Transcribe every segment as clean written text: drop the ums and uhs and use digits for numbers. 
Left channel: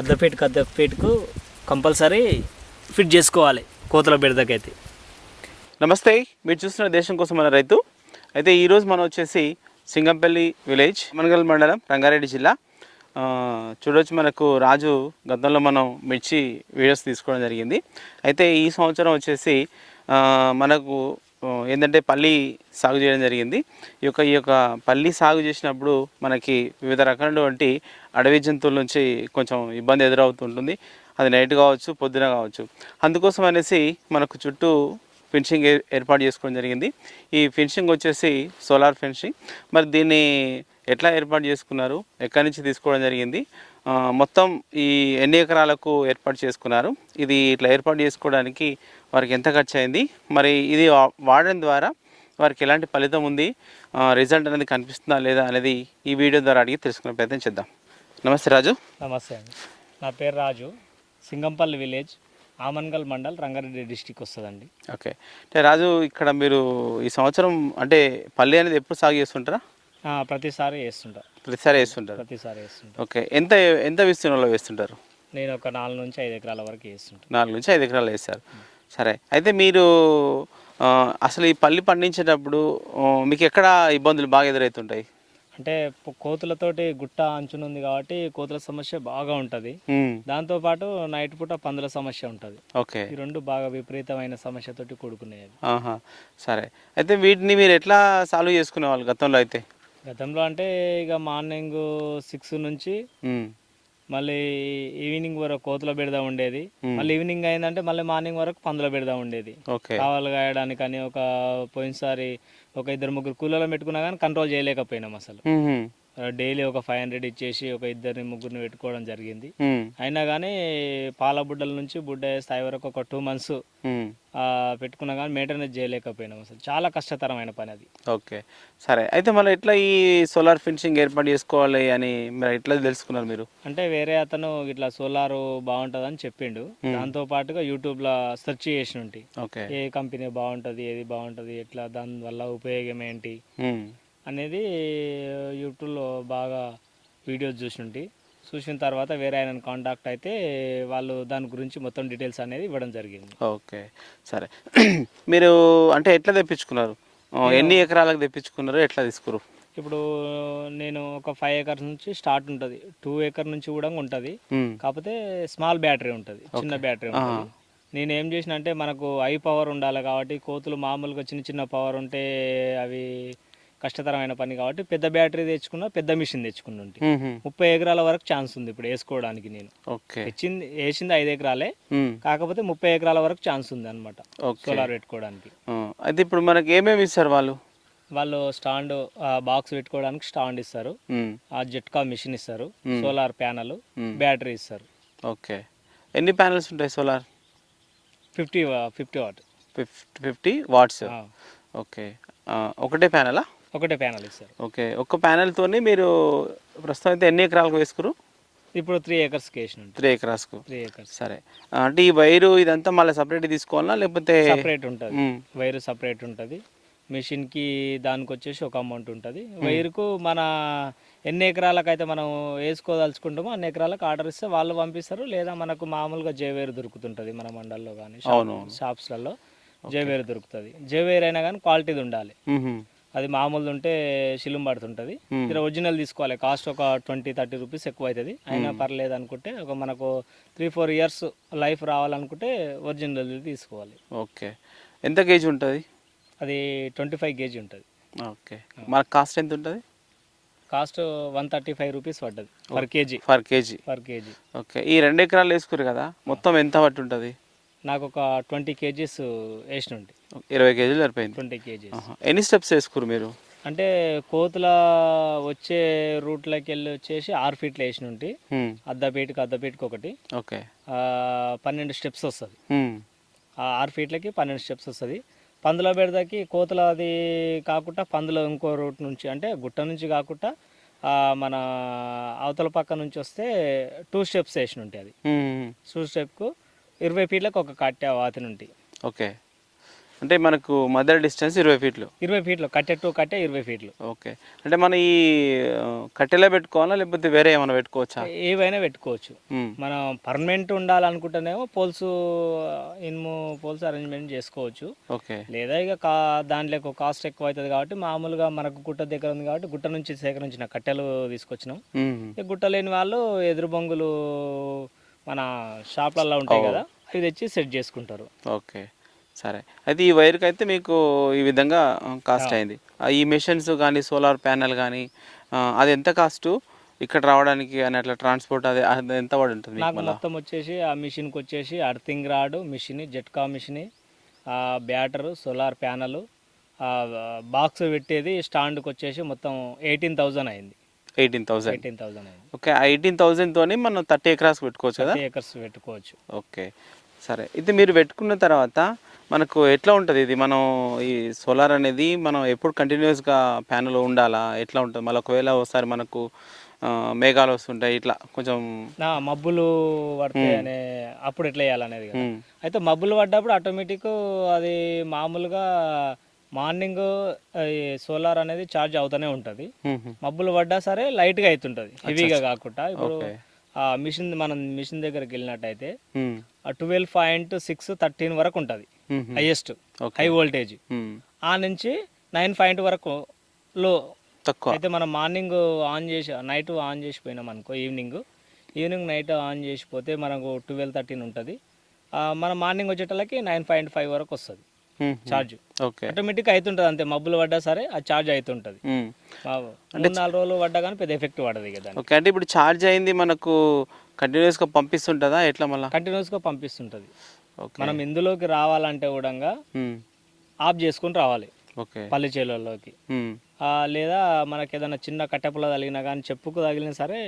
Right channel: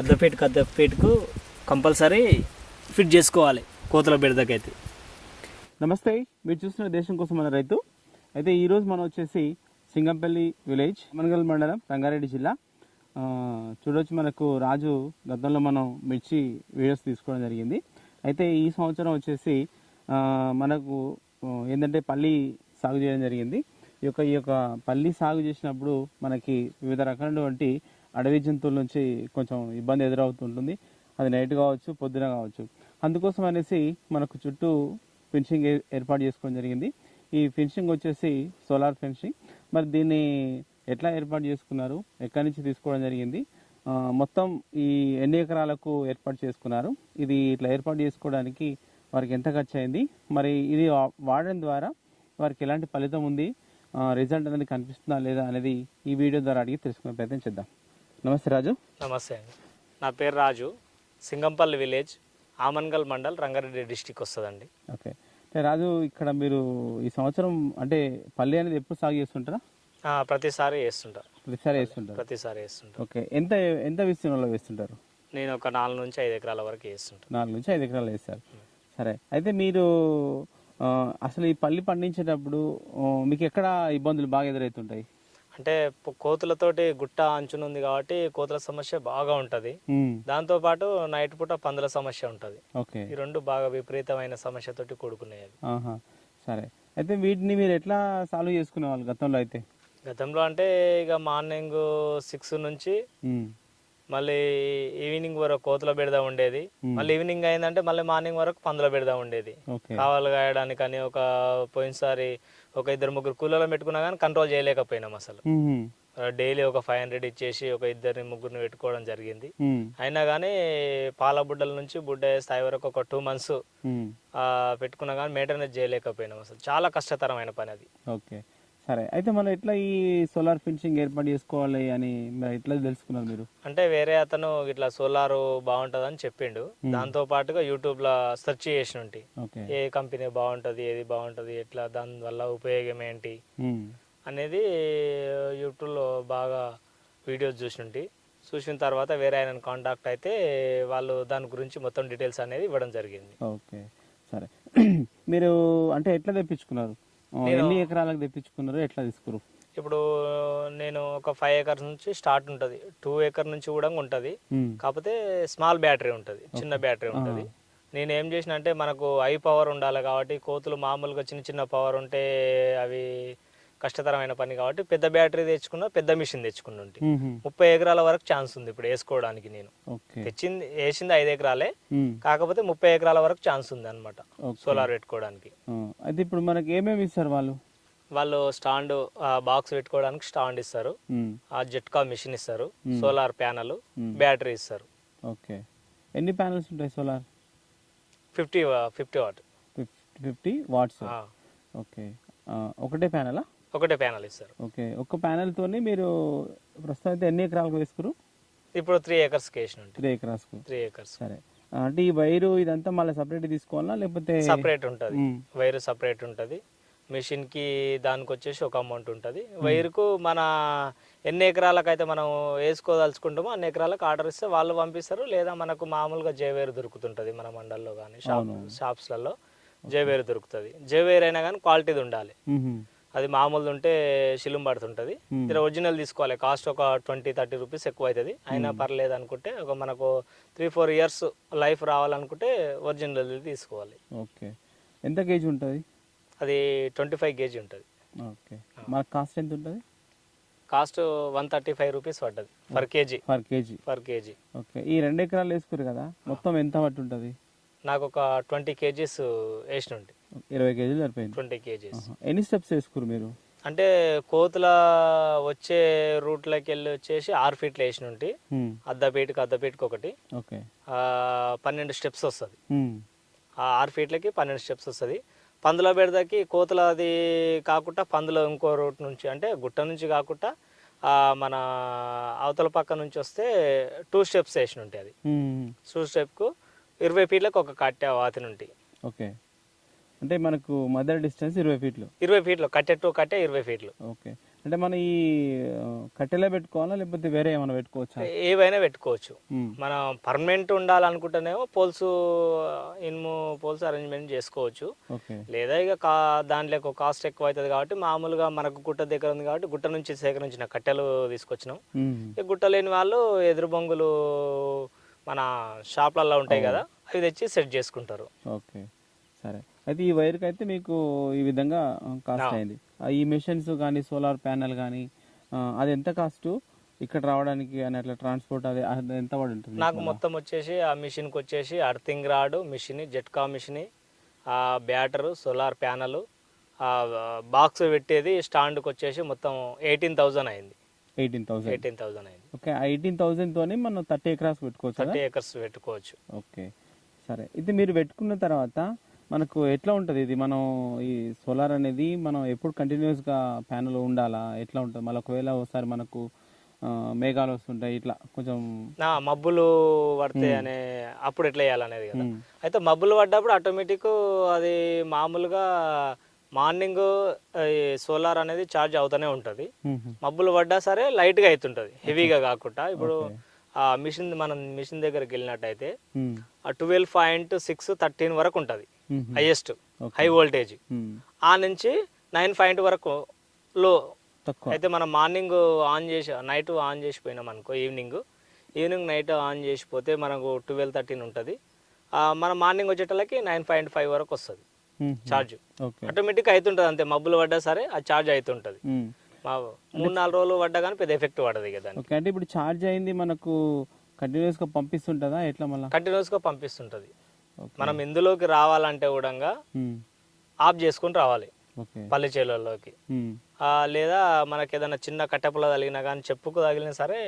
అద్దపేటకు compulsory fit చేసుకోవాలి కోతుల బెడదకైతే. నమస్తే, మీరు చూస్తున్న దేశం కోసం మన రైతు. అయితే ఈరోజు మనం వచ్చేసి సింగంపల్లి విలేజ్, మనగల్ మండలం, రంగారెడ్డి జిల్లా. చూడవచ్చు, మనకు రాజు గతంలో మనం మిర్చి వీడియోస్ తీసుకోవడం జరిగింది. అయితే ఈ సంవత్సరం వచ్చేసి మనకు ఏంటంటే పల్లి సాగు చేయడం జరిగింది. ఈ యొక్క పల్లి సాగు చేసినప్పుడు మనకి వివిధ రకాలైనటువంటి అడవి జంతువుల నుంచి కొంచెం ఇబ్బంది ఎదురవుతుంటుంది. అది నైట్ కావచ్చు, పొద్దున కావచ్చు. అందుకోసం అనేసి మనకు చుట్టూ ఫెన్సింగ్ ఏర్పాటు చేసుకోవడం జరిగింది. ఈ ఫెన్సింగ్ వచ్చేసి సోలార్ ఫెన్సింగ్. మరి దీన్ని ఎట్లా ఏర్పాటు చేసుకున్నారు, ఎక్కడి నుంచి తీసుకోవడం జరిగింది, మొత్తం ఈ ఎన్ని ఎకరాలకు ఏర్పాటు చేసుకున్నారు, ఇది ఇట్లా ఏర్పాటు చేసుకోవడానికి వారికి ఎంత ఖర్చు అయింది, మరి ఇది వాడడం ద్వారా వారికి ఎలాంటి ఫలితం ఉంది, రిజల్ట్ అనేది కనిపిస్తుందా లేదా అనేది ఈ వీడియో ద్వారా అడిగి తెలుసుకునే ప్రయత్నం చేద్దాం. నమస్తే రాజు. నమస్తే అండి, నా పేరు రాజు. సింగంపల్లి విలేజ్, ఆమన్గల్ మండల్, రంగారెడ్డి డిస్టిక్ వస్తుందండి. ఓకే. అంటే రాజు, ఇక్కడ మీరు ఈ సంవత్సరం అంటే పల్లి అనేది ఎప్పుడు సాగు చేస్తుంటారా? ప్రతిసారి వేస్తుంటారు. ఓకే. ఎంత ఎంత విస్తీర్ణంలో వేస్తుంటారు? నేను ఒక 4 నుంచి 5 ఎకరాల వరకు వేస్తుంటాను. 4 నుంచి 5 ఎకరాలు వేస్తారు. సరే, అయితే మీరు అసలు ఈ పల్లి పండించేటప్పుడు మీకు ఎక్కడ ఇబ్బందులు బాగా ఎదురవుతుంటాయి? అంటే కోతులతోటి గుట్ట అంచునుంది కాబట్టి కోతుల సమస్య బాగా ఉంటుంది. దాంతోపాటు నైట్ పూట పందుల సమస్య ఉంటుంది. ఓకే. ఈ రెండు బాగా విపరీతమైన సమస్యతోటి కూడుకున్నాయి. సరే, అయితే వీటిని మీరు ఎట్లా సాల్వ్ చేసుకునే వాళ్ళు గతంలో అంటే ఇక మార్నింగ్ 6 నుంచి మళ్ళీ ఈవినింగ్ వరకు కోతుల బెడద ఉండేది. మళ్ళీ ఈవినింగ్ అయిందంటే మళ్ళీ మార్నింగ్ వరకు పందుల బెడద ఉండేది. కావాలి గాయడానికి అని పోయినసారి ఒక 2-3 కూలీలను పెట్టుకున్నా కానీ కంట్రోల్ చేయలేకపోయినాం అసలు. డైలీ ఒక 500 ఇచ్చేసి ఒక 2-3 పెట్టుకోవడం జరిగింది. అయినా కానీ పాల బుడ్డల నుంచి బుడ్డ స్థాయి వరకు ఒక 2 months పెట్టుకున్నా కానీ మెయింటెనెన్స్ చేయలేకపోయినాం అసలు. చాలా కష్టతరమైన పని అది. ఓకే, సరే. అయితే మళ్ళీ ఎట్లా ఈ సోలార్ ఫెన్సింగ్ ఏర్పాటు చేసుకోవాలి అని మీరు ఎట్లా తెలుసుకున్నారు మీరు? అంటే వేరే అతను ఇట్లా సోలార్ బాగుంటుందని చెప్పిండు. దాంతో పాటుగా యూట్యూబ్ లో సెర్చ్ చేసి ఉంటాయి, ఏ కంపెనీ బాగుంటది, ఏది బాగుంటది, ఎట్లా, దాని వల్ల ఉపయోగం ఏంటి అనేది యూట్యూబ్లో బాగా వీడియోస్ చూసిన తర్వాత వేరే ఆయన కాంటాక్ట్ అయితే వాళ్ళు దాని గురించి మొత్తం డీటెయిల్స్ అనేది ఇవ్వడం జరిగింది. ఓకే, సరే. మీరు అంటే ఎట్లా తెప్పించుకున్నారు, ఎన్ని ఎకరాలకు తెప్పించుకున్నారు, ఎట్లా తీసుకురు? ఇప్పుడు నేను ఒక 5 acres నుంచి స్టార్ట్ ఉంటుంది, 2 acre నుంచి కూడా ఉంటుంది. కాకపోతే స్మాల్ బ్యాటరీ ఉంటుంది, చిన్న బ్యాటరీ ఉంటుంది. నేను ఏం చేసిన అంటే మనకు హై పవర్ ఉండాలి కాబట్టి కోతులు మామూలుగా చిన్న పవర్ ఉంటే అవి కష్టతరమైన పని కాబట్టి పెద్ద బ్యాటరీ తెచ్చుకున్నా, పెద్ద మిషన్ తెచ్చుకున్నా. 30 ఎకరాల వరకు ఛాన్స్ ఉంది ఇప్పుడు వేసుకోవడానికి. నేను వేసింది 5 ఎకరాలే, కాకపోతే 30 ఎకరాల వరకు ఛాన్స్ ఉంది అనమాట సోలార్ పెట్టుకోవడానికి. అయితే ఇప్పుడు మనకి ఏమేమి ఇస్తారు వాళ్ళు స్టాండ్, బాక్స్ పెట్టుకోవడానికి స్టాండ్ ఇస్తారు, ఆ జెట్కా మిషన్ ఇస్తారు, సోలార్ ప్యానల్, బ్యాటరీ ఇస్తారు. ఓకే. ఎన్ని ప్యానల్స్ ఉంటాయి సోలార్? 50 వాట్. 50 watts. ఓకే. ఒకటే ప్యానలా? ఒకటే ప్యానల్ ఇస్తారు. ఓకే. ఒక్క ప్యానల్తోని మీరు ప్రస్తుతం అయితే ఎన్ని ఎకరాలకు వేసుకురు? ఇప్పుడు 3 acres వేసిన. 3 acres. సరే, అంటే ఈ వైరు ఇదంతా మళ్ళీ సపరేట్ తీసుకోవాలా లేకపోతే? సపరేట్ ఉంటుంది, వైరు సపరేట్ ఉంటుంది. మిషన్కి దానికి వచ్చేసి ఒక అమౌంట్ ఉంటుంది. వైరుకు మన ఎన్ని ఎకరాలకైతే మనం వేసుకోదలుచుకుంటామో అన్ని ఎకరాలకు ఆర్డర్ ఇస్తే వాళ్ళు పంపిస్తారు. లేదా మనకు మామూలుగా జేవేరు దొరుకుతుంటుంది మన మండల్లో కానీ షాప్స్లలో. జేవేరు దొరుకుతుంది. జేవేరు అయినా కానీ క్వాలిటీది ఉండాలి. అది మామూలు ఉంటే శిలుం పడుతుంటుంది. ఇలా ఒరిజినల్ తీసుకోవాలి. కాస్ట్ ఒక 20-30 రూపీస్ ఎక్కువ అవుతుంది. అయినా పర్లేదు అనుకుంటే ఒక మనకు 3-4 years లైఫ్ రావాలనుకుంటే ఒరిజినల్ తీసుకోవాలి. ఓకే. ఎంత కేజీ ఉంటుంది అది? 25 kg ఉంటుంది. ఓకే. మన కాస్ట్ ఎంత ఉంటుంది? కాస్ట్ 135 రూపీస్ పడ్డది పర్ కేజీ. ఓకే. ఈ 2 ఎకరాలు వేసుకురు కదా, మొత్తం ఎంత పట్టు ఉంటుంది? నాకు ఒక 20 kgs వేసిన ఉంటాయి. 20 kg సరిపోయింది. 20 kgs. ఎన్ని స్టెప్స్ వేసుకురు మీరు? అంటే కోతుల వచ్చే రూట్లోకి వెళ్ళి వచ్చేసి 6 feet వేసిన ఉంటాయి. అద్దపేటకి ఒకటి. ఓకే. 12 steps వస్తుంది. ఆ 6 feetలకి 12 steps వస్తుంది. పందుల బెడదకి కోతుల అది కాకుండా పందుల ఇంకో రూట్ నుంచి అంటే గుట్ట నుంచి కాకుండా మన అవతల పక్క నుంచి వస్తే 2 steps వేసిన ఉంటాయి. అది 2 stepకు 20 feetలకు ఒక కట్టె వాతిని ఉంటాయి. ఓకే. అంటే మనకు మదర్ డిస్టెన్స్ 20 ఫీట్లు. 20 ఫీట్లు కట్టె టు కట్టె 20 ఫీట్లు. ఓకే. అంటే మన ఈ కట్టెలే పెట్టుకోవాలా లేకపోతే వేరే ఏమైనా పెట్టుకోవచ్చా? ఏవైనా పెట్టుకోవచ్చు. మ్మ్. మనం పర్మనెంట్ ఉండాలనుకుంటేనేమో పోల్స్, ఇనుము పోల్స్ అరేంజ్మెంట్ చేసుకోవచ్చు. ఓకే. లేదా ఇక దాంట్లో కాస్ట్ ఎక్కువ అవుతుంది కాబట్టి మామూలుగా మనకు గుట్ట దగ్గర ఉంది కాబట్టి గుట్ట నుంచి సేకరించిన కట్టెలు తీసుకొచ్చినాం. మ్మ్. ఇక గుట్ట లేని వాళ్ళు ఎదురు బొంగులు మన షాప్లలో ఉంటాయి కదా, అవి తెచ్చి సెట్ చేసుకుంటారు. ఓకే, సరే. అయితే ఈ వైర్కి అయితే మీకు ఈ విధంగా కాస్ట్ అయింది. ఈ మెషిన్స్ కానీ సోలార్ ప్యానెల్ కానీ అది ఎంత కాస్ట్ ఇక్కడ రావడానికి అని అట్లా ట్రాన్స్పోర్ట్ అది ఎంత పడి ఉంటుంది మీకు నాకు మళ్ళా? మొత్తం వచ్చేసి ఆ మిషన్కి వచ్చేసి అర్థింగ్ రాడ్ మిషన్, జట్కా మిషన్, బ్యాటరు, సోలార్ ప్యానల్, బాక్స్ పెట్టేది స్టాండ్కి వచ్చేసి మొత్తం 18,000 అయింది. 18,000. 18,000 అయింది. ఓకే. ఆ 18,000తోని మనం 30 ఎకరాస్ పెట్టుకోవచ్చు కదా? 30 acres పెట్టుకోవచ్చు. ఓకే, సరే. ఇది మీరు పెట్టుకున్న తర్వాత మనకు ఎట్లా ఉంటుంది ఇది? మనం ఈ సోలార్ అనేది మనం ఎప్పుడు కంటిన్యూస్గా ప్యానల్ ఉండాలా, ఎట్లా ఉంటుంది? మళ్ళీ ఒకవేళ ఒకసారి మనకు మేఘాలు వస్తుంటాయి, ఇట్లా కొంచెం మబ్బులు పడతాయి అనే అప్పుడు ఎట్లా వేయాలనేది కదా. అయితే మబ్బులు పడ్డప్పుడు ఆటోమేటిక్ అది మామూలుగా మార్నింగ్ సోలార్ అనేది ఛార్జ్ అవుతూనే ఉంటుంది. మబ్బులు పడ్డా సరే లైట్గా అవుతుంటుంది, హెవీగా కాకుండా. ఇప్పుడు ఆ మిషన్ దగ్గరికి వెళ్ళినట్టయితే ఆ 12.6 13 వరకు ఉంటుంది హైయెస్ట్ హై వోల్టేజ్. ఆ నుంచి 9 వరకు లో తక్కువ. అయితే మనం మార్నింగ్ ఆన్ చేసి నైట్ ఆన్ చేసిపోయినాం అనుకో, ఈవినింగ్ నైట్ ఆన్ చేసిపోతే మనకు 12-13 ఉంటుంది. మన మార్నింగ్ వచ్చేటలకి 9.5 వరకు వస్తుంది ఛార్జ్. ఆటోమేటిక్ అవుతుంటుంది అంతే, మబ్బులు పడ్డా సరే ఆ ఛార్జ్ అవుతుంటుంది. 3-4 రోజులు పడ్డా కానీ పెద్ద ఎఫెక్ట్ పడదు కదా. ఓకే. అంటే ఇప్పుడు ఛార్జ్ అయింది మనకు కంటిన్యూస్గా పంపిస్తుంటుందా ఎట్లా? మళ్ళీ కంటిన్యూస్గా పంపిస్తుంటుంది. మనం ఇందులోకి రావాలంటే కూడా ఆఫ్ చేసుకుని రావాలి పల్లె చేలల్లోకి. లేదా మనకి ఏదైనా చిన్న కట్టెపుల తగిలినా కానీ చెప్పుకు తగిలినా సరే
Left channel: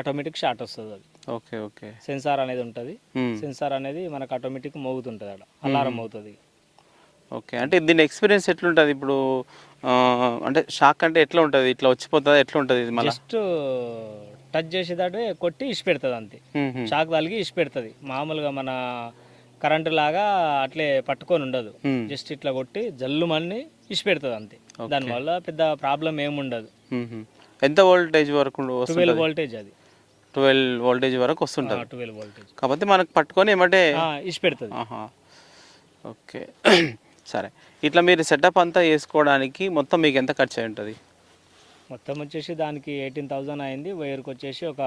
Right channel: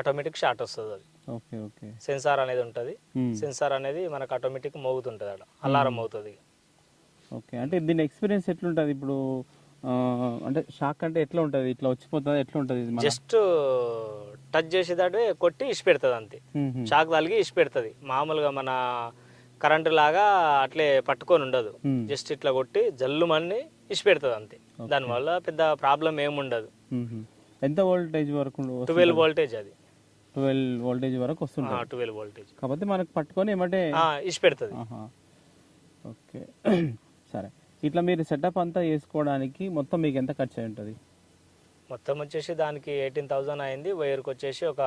ఆటోమేటిక్ షార్ట్ వస్తుంది. అది ఓకే. ఓకే. సెన్సార్ అనేది ఉంటుంది. సెన్సార్ అనేది మనకు ఆటోమేటిక్ మోగుతుంటుంది, అలా అలారం అవుతుంది. ఓకే. అంటే దీని ఎక్స్పీరియన్స్ ఎట్లుంటుంది ఇప్పుడు? అంటే షాక్ అంటే ఎట్లా ఉంటుంది? ఇట్లా వచ్చిపోతుందా ఎట్లా ఉంటుంది? ఇది మళ్ళీ జస్ట్ టచ్ చేసేదాడే కొట్టి ఇసి పెడుతుంది అంతే. షాక్ తగిలి ఇసి పెడుతుంది. మామూలుగా మన కరెంటు లాగా అట్లే పట్టుకొని ఉండదు, జస్ట్ ఇట్లా కొట్టి జల్లుమని ఇసి పెడుతుంది అంతే. దానివల్ల పెద్ద ప్రాబ్లం ఏముండదు. ఎంత వోల్టేజ్ వరకు? 12 వోల్టేజ్. అది 12 వోల్టేజ్ వరకు వస్తుంటుంది. 12 వోల్టేజ్ కాకపోతే మనకు పట్టుకొని ఏమంటే ఇసి పెడుతుంది. ఓకే, సరే. ఇట్లా మీరు సెటప్ అంతా చేసుకోవడానికి మొత్తం మీకు ఎంత ఖర్చు అయి ఉంటుంది? మొత్తం వచ్చేసి దానికి 18,000 అయింది. వైర్కి వచ్చేసి ఒక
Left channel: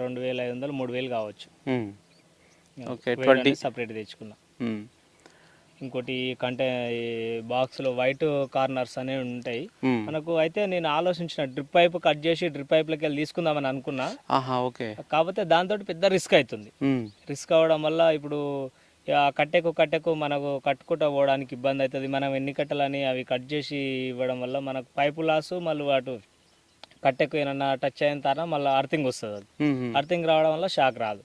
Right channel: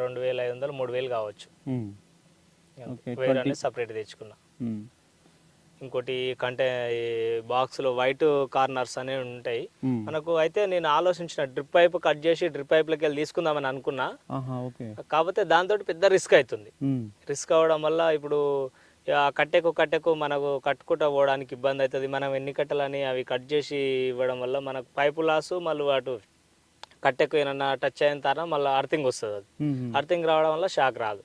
2,500 3,000 కావచ్చు. ఓకే. సపరేట్ తెచ్చుకున్నా. ఇంకోటి బాక్స్లో వైట్ కార్నర్స్ అనేవి ఉంటాయి మనకు. అయితే నేను ఆలోచించిన డ్రిప్ పైప్ కట్ చేసి డ్రిప్ పైప్లకి వెళ్ళి తీసుకుందామని అనుకున్నా. కాకపోతే దాంతో పెద్ద రిస్క్ అవుతుంది. రిస్క్ అవడం వల్ల ఇప్పుడు కట్టెకు మనకు కట్టుకుంటూ పోవడానికి ఇబ్బంది అవుతుంది. మనం ఎన్ని కట్టెలని అవి కట్ చేసి ఇవ్వడం వల్ల మనకు పైపు లాసు, మళ్ళీ అటు కట్టెకు ఏమన్నా టచ్ అయిన తర్వాత మళ్ళీ అర్థింగ్ వస్తుంది. అది అర్థింగ్ రావడం వల్ల షాక్ రాదు.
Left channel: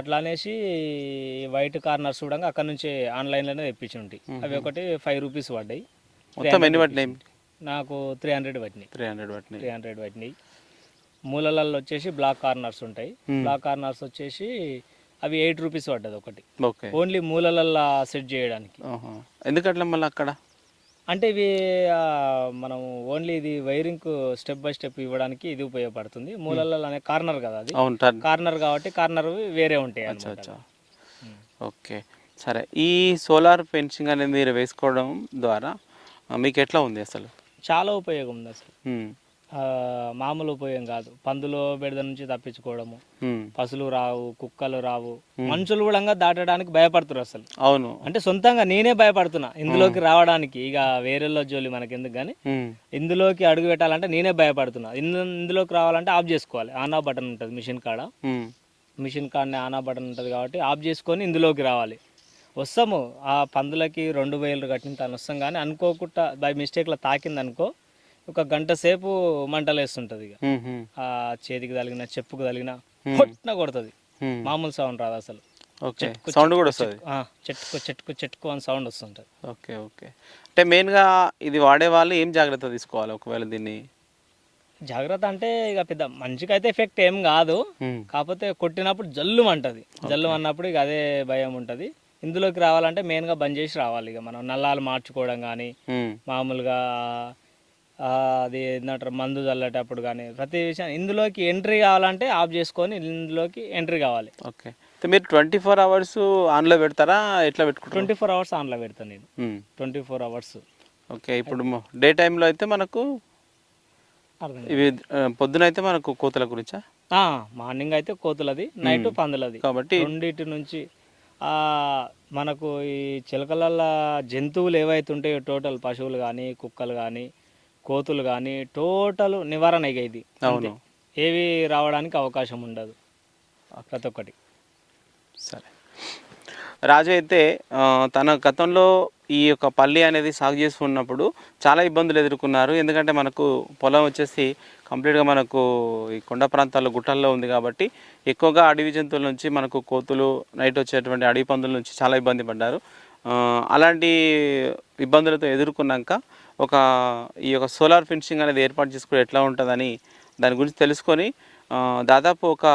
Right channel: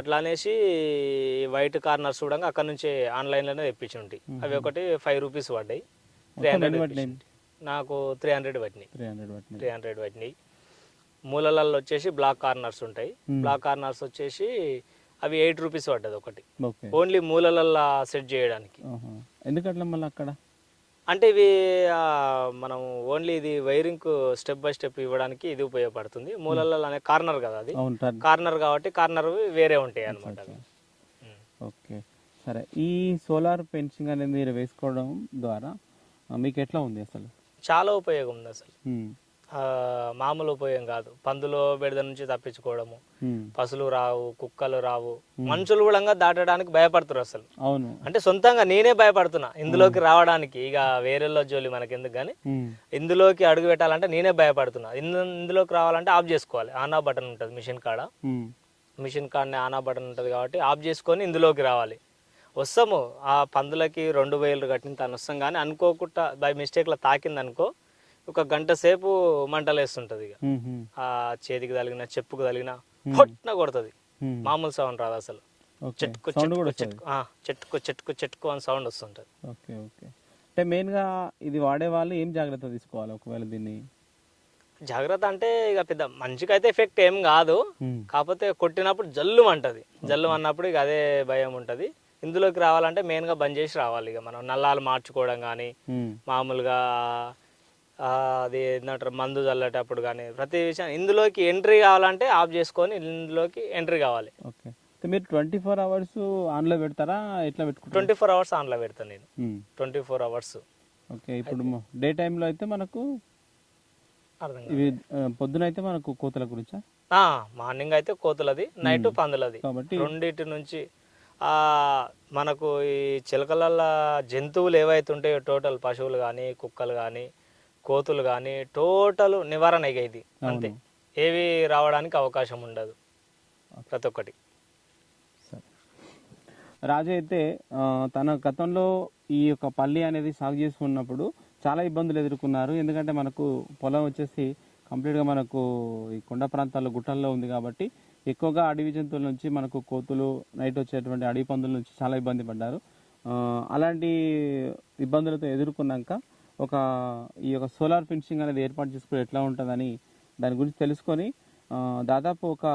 అట్లా అనేసి వైట్ కార్నర్స్ కూడా అక్కడ నుంచి ఆన్లైన్లోనే తెప్పించి ఉంటాయి. అవి ఒకటి 5 రూపీస్ పడ్డాయి. నాకు 300 పట్టినాయి. 300 పట్టినాయి. మూలలలో వచ్చేసి బ్లాక్ కార్నర్స్ ఉంటాయి. బ్లాక్ కార్నర్స్ వచ్చేసి అవి 8 రూపీస్ పడ్డది ఒకటి, ఓన్లీ మూలలల్లో సెట్ చేయడానికి. ఎందుకట్లా మళ్ళీ అక్కడ అంటే ఇవి మనం ఓన్లీ ఇది వైరింగ్ స్టెప్ బై స్టెప్ ఇవ్వడానికి ఇది ఉపయోగపడుతుంది. మూలలలో అనే కార్నర్ కదా, అది కార్నర్ కాబట్టి కార్నర్ వేరే ఉంటాయి అన్నమాట. ఓకే, సరే. ఈ సోలార్ ఫెన్సింగ్ అనేది మీరు వేసుకోవడం ద్వారా మీకు ఎట్లా ఉంది? అసలు చాలా ఉపయోగం ఉంది. అసలు మామూలు ఉపయోగం కాదు. పందులో బెడద నుంచి తప్పించుకోవడము, పశువులు రావు, కుక్కలు రావు, మనుషులు కూడా దాటడానికి భయపడుతున్నారు అసలు. అవును, అంటే సొంతంగా నేనే భయపడుతున్నా ఇందులోకి రావడానికి. ఇక వేరేలో జోలి మనకి ఎందుకు కానీ, ఇందులోకి అడుగు పెట్టాలంటే నేనే భయపడుతున్నా. ఇందులోకి రావాలంటే ఆఫ్ చేసుకోవాలి. ఆన్ ఆఫ్ బటన్ ఉంటుంది మిషన్ కాడ. మిషన్ కాడనే ఆన్ ఆఫ్ బటన్ ఉంటుంది కాబట్టి ఆఫ్ చేసుకొని ఇందులోకి రావాలి. వస్తాము ఆ పందులకి 2,000 కట్టిన తను వస్తాం. కానీ అనుకోకుండా బై మిస్టేక్లో తాకింది అనుకో, ఒక గంట సేపు మంటలు వేస్తుంటది. ఇక ఆ చేతికి తగిలిన చెప్పుకు తగిలిన పొట్టిన కొడుతుంది. మామూలు సౌండ్ రాదు అసలు. సౌండ్ కూడా వస్తుంది. చెట్టుకు అని సౌండ్ వస్తుంటది. ఓకే. ఓకే. అంటే మెయిన్గా ఇది వాడే వాళ్ళు ఏం జాగ్రత్త తీసుకోవాలి ఒకవేళ దీన్ని? జాగ్రత్త అంటే ఇక పెద్ద మంచిగా అయితే ఎఫెక్ట్ ఏం కాదు. కాకపోతే కొట్టినప్పుడు జల్లు అంటది. జల్లు అన్నప్పుడు ఇక అదే భయం ఉంటది. ఇందులోకి రావాలంటే మెయిన్గా బంద్ చేసి రావాలి. ఇక మనం నల్లాలు మార్చుకోవడం కానీ మామూలుగా అది ఏంటంటారు మందు చల్లేటప్పుడు కానీ ప్రతి విషయం ఇందులోకి ఎంట్రీ కావాలంటే ఆఫ్ చేసుకొని ఇందులోకి ఎంట్రీ కావాలి. ఓకే. మీరు 24 అవర్స్ ఆన్లో పెడతారా, ఎట్లా పెట్టుకుంటారు? 24 అవర్స్ ఆన్లో పెడతాను నేను. 24 అవర్స్. ఓకే. ఇప్పుడు డే టైంలో అయితే మనకు ఇవి పొద్దున అయితే మనకు కోతుల గురించా? మార్నింగ్ అయితే కోతులది, నైట్ పందులది. కాబట్టి రెండింటి నుంచి మనకు ఈ చిలకలల్ల జంతువులు ఏవైతే ఉంటాయో టోటల్ పశువులు కానీ కుక్కలు కానీ కోతులు కానీ టోటల్ నివారణ ఇక ఇది. అవును. ఏవి రావడానికి అవకాశం ఉండదు ప్రతి ఒక్కటి. సరే. రాజు అయితే తన గతంలో ఈ యొక్క పల్లి అనేది సాగు చేస్తున్నప్పుడు చాలా ఇబ్బందులు ఎదుర్కొన్నారు. ఎందుకంటే మనకు పొలం వచ్చేసి కంప్లీట్గా మనకు ఈ కొండ ప్రాంతాల్లో గుట్టల్లో ఉంది కాబట్టి ఎక్కువగా అడవి జంతువుల నుంచి మనకు కోతులు, నైట్ వచ్చేటువంటి అడవి పందుల నుంచి చాలా ఇబ్బంది పడ్డారు. అలాంటి ఇబ్బందులతో ఎదుర్కొన్నాక ఈ యొక్క సోలార్ ఫెన్సింగ్ అనేది ఏర్పాటు చేసుకుని ఎట్లా ఉంటుందని దాని గురించి తెలుసుకొని దాదాపు ఒక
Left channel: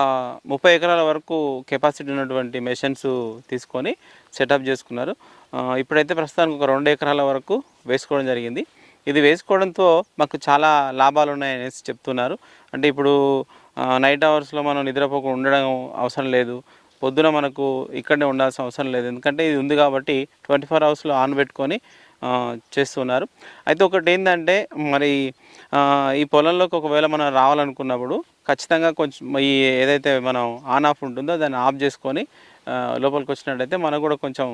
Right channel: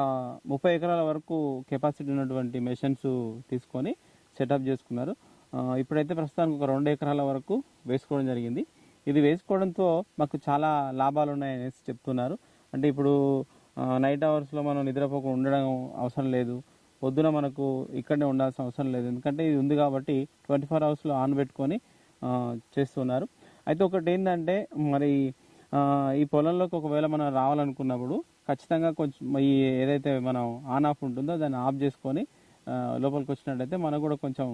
30 ఎకరాల వరకు కెపాసిటీ ఉన్నటువంటి మెషిన్స్ తీసుకొని సెటప్ చేసుకున్నారు. ఇప్పుడైతే ప్రస్తుతానికి ఒక 2 ఎకరాల వరకు వేసుకోవడం జరిగింది. ఇది వేసుకోవడంతో మాకు చాలా లాభాలు ఉన్నాయనేసి చెప్తున్నారు. అంటే ఇప్పుడు నైట్ అవర్స్లో మనం నిద్రపోకుండా ఉండడం అవసరం లేదు, పొద్దున మనకు ఇక్కడనే ఉండాల్సిన అవసరం లేదు. ఎందుకంటే ఇది ఉంది కాబట్టి 24 అవర్స్లో ఆన్ పెట్టుకొని చేస్తున్నారు. అయితే ఒకటి ఏంటంటే మరి ఈ పొలంలోకి ఒకవేళ మనం రావాలనుకున్నప్పుడు ఖచ్చితంగా కొంచెం ఈ ఏదైతే మనం ఆన్ ఆఫ్ ఉంటుందో దాన్ని ఆఫ్ చేసుకొని లోపలికి వచ్చినట్టయితే మనకు కూడా కొంచెం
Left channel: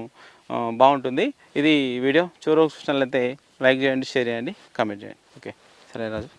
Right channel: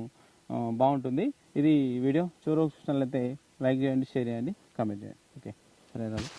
బాగుంటుంది. ఇది వీడియో చివరికి చూసినట్లయితే లైక్ చేయండి, షేర్ చేయండి, కామెంట్ చేయండి. ఓకే, సరే రాజు.